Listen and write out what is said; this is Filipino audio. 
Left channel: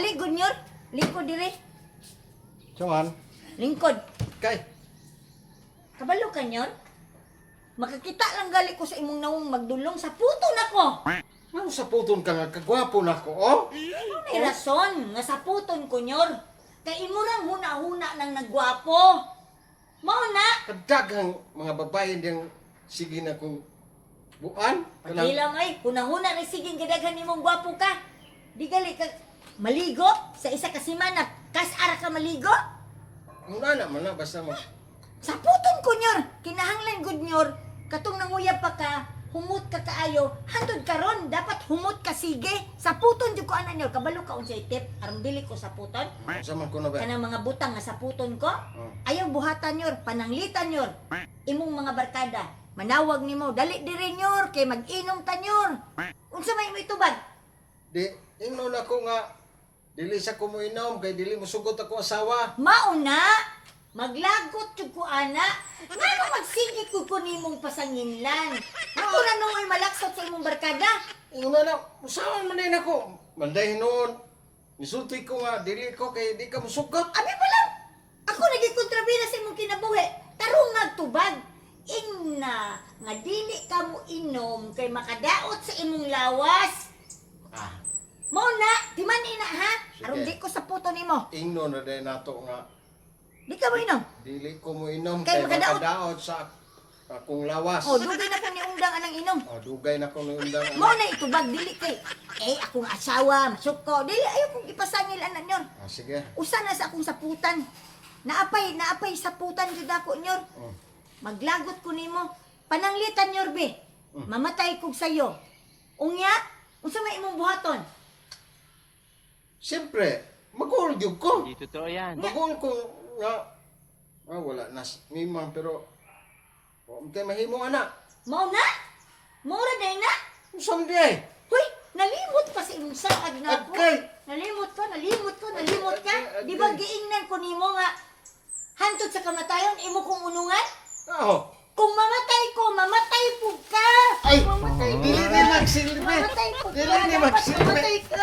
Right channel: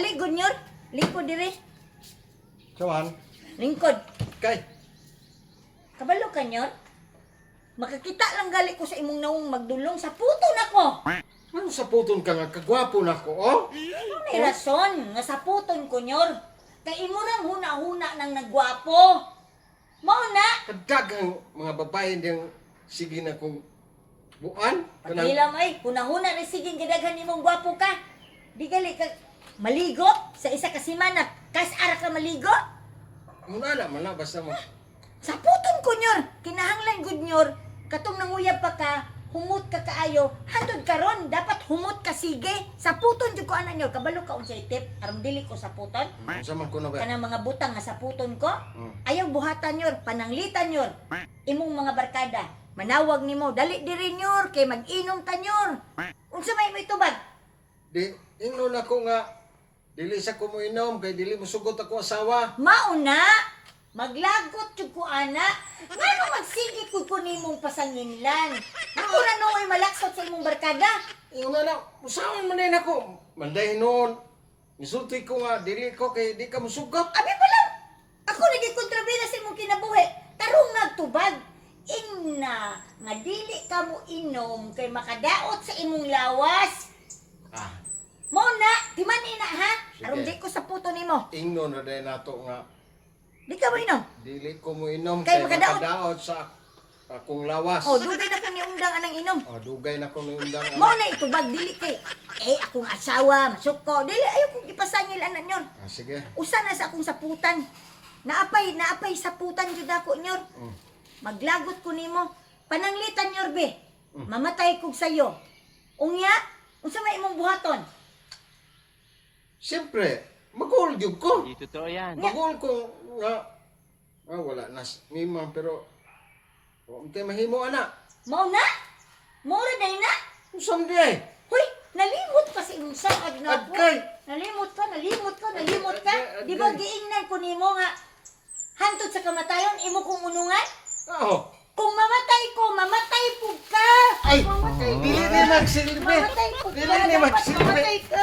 Ali, Gunyor. Lingkod dire. Saman? Lingkod. Kay. Kabalo ka nyon? Makakita lang gali ko sa imong nawong magdulong sa puto nako. Ano sa puton ka nga? Kagwapo na ko, oh? May rason nga sa puton ko nyor. Kay imo rang huna-huna nang nagwapo. Mao na. Kadagang mga babae diyang sige na kong buan. Pakilam ay, huna-huna rin sige gidaghan nimong gwapo ka. Di gali ka maligo sa isa ka semana. Kas ara ka maligo? Muna na man na, basta mo. Sa puton ko nyor. Kinahanglan gud nyor. Katong nanguyab pa ka, humot ka kaayo, handod karon dapat humot ka sige. Sa puton jud ko ana nyor, kabalo ka unsay tip aron dili ko sa puton. Saman ko na ba? Kanang mga butang nga sa puton ko, Hmm. ayaw buhatan nyor, pananglitan nyor. Imong mga barkada, manawag nimo, dali diri nyor kay mag-inom ta nyor. Unsa may mo itubag? Di, ingnon ako nga, dili sa ko mo inom, kay dili mo sugot ako asawa. Mauna, maglagot jud ko ana. Ngano magsigi ko nimong pasanginlan. Ako na noy malaksot sa imong barkada. Ingnon na, usawan man din ako. Manday noon, nisulti ko nga, dili ko kay di ka mo sugot. Abi pa lang. Ako nagikontrabida sa imong kinabuhi. Tarong nagtubag. Ingna, nga dili ka mo inom kay makadaot sa imong lawas. Ah, Mo na, di man ina ha? Sige. Aron di ko sa puto nimo. ingnon na din nato nga, Di ka mo inom. dili ko mo inom, Kay kay makadaot. makadaot sa akong lawas. Oh, dugay na kang niundang anang inom. Oh, dugay na ko undang. Mo na itubag dili kay. Eh akong asawa, masuko. Dili ayo kong ipasangil anan nyon. Ah, sige. Usa na sa akong saputan. Naapay saputan jud ako nyor. Mm. Maglagot ko nimo. Pananglitan nyor be. Mamatay kog sayo. Unya, unsa may imong buhaton? Siyempre, mag-uol gyud ko. Hindi totoo yan. Mag-uol ko nga, wala na mimang pero, umte mahimo ana. Mao na? Mao ra day na? Usam di ay. Huy, nalimot pa sa imong saad na ako. Agkay. Nalimot ka. Agkay. Di ba giingnan ko nimo nga hantod sa kamatayon imo kong unungan? Oo. Kung mamatay ko, mamatay po ka. Ay, Mamatay dili ni magsilbi. Mamatay po ka. Dili ni Dapat magsilbi. mamatay ka.